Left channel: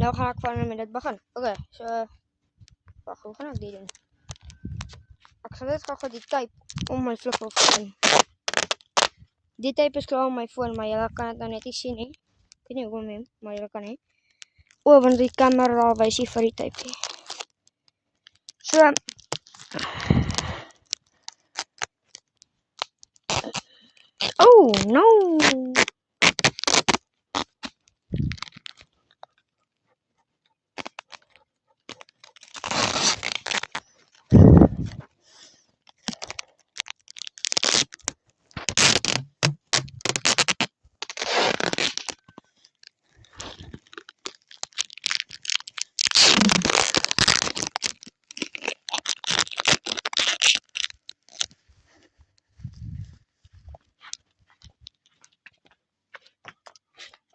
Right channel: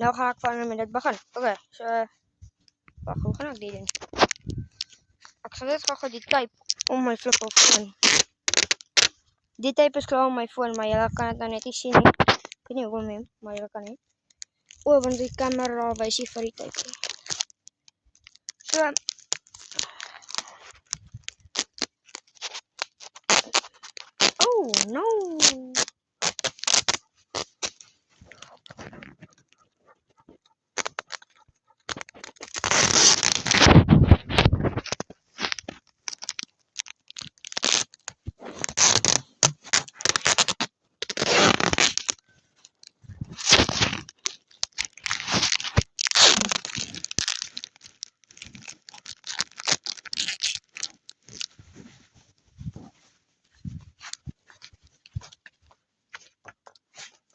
Nou ga ik van met dit begin. Oké, so wag, hoe gaan ek dit doen? Ek sal dit gou die tape om my flip of phone. Die tape is klaar op my phone, maar julle kan dit nou net nie sien nie. Ek weet nie hoekom nie, maar julle kan nie. O, want die camera wys nie vir die tape nie. So oh, no.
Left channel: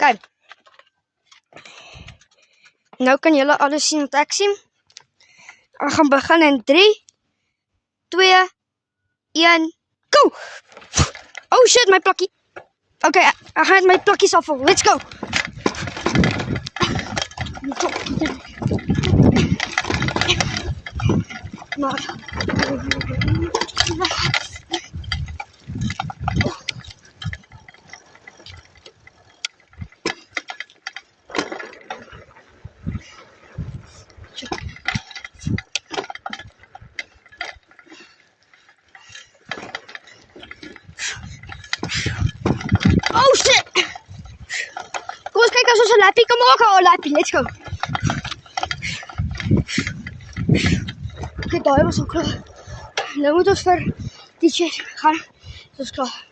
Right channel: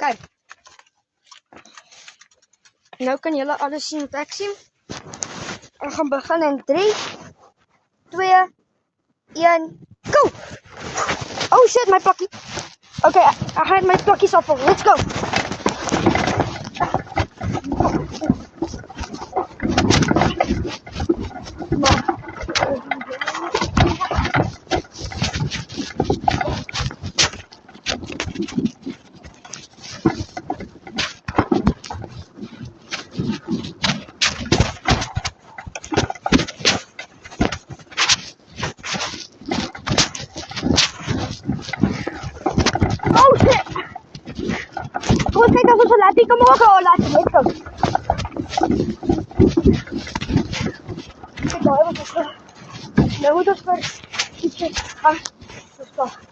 Kijk. Nou kan julle alles sien wat ek sien. Ek gaan begin in 3, 2, 1, go! Oh shit, my plakkie. Okay, ek gaan my plakkies afval. Let's go! Oh shit! Kom eens kijken als we zo'n lappie kan maken. Oh, lappie, let's go. Kijk, nou, hij was al klaar. Nu moeten we voor ietsje gaan. Dat is klaar.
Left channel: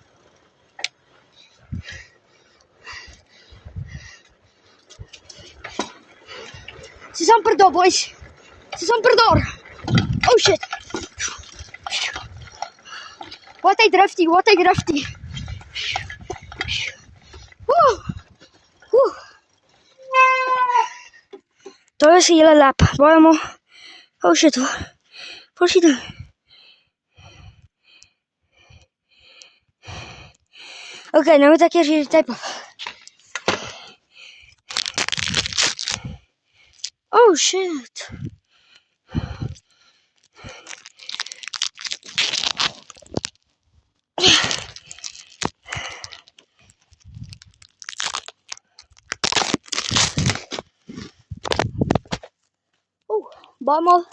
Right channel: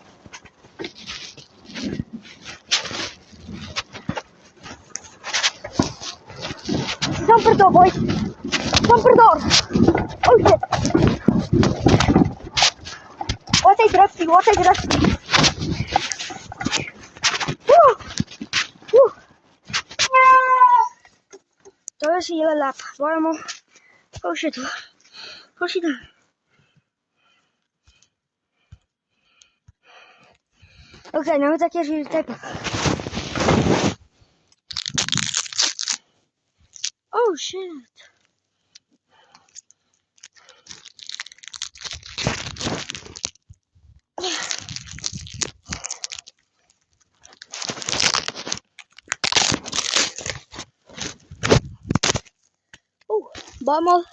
Het is amper door, boys. Het is amper door. Oh shit. Wat hij drifty, wat hij drifty. Dat is een hele lap. Waarom? Oh shit. Waar zit hij? Oké, nou moet ik eerst hier de tape af. Oh shit. Oh, vamos.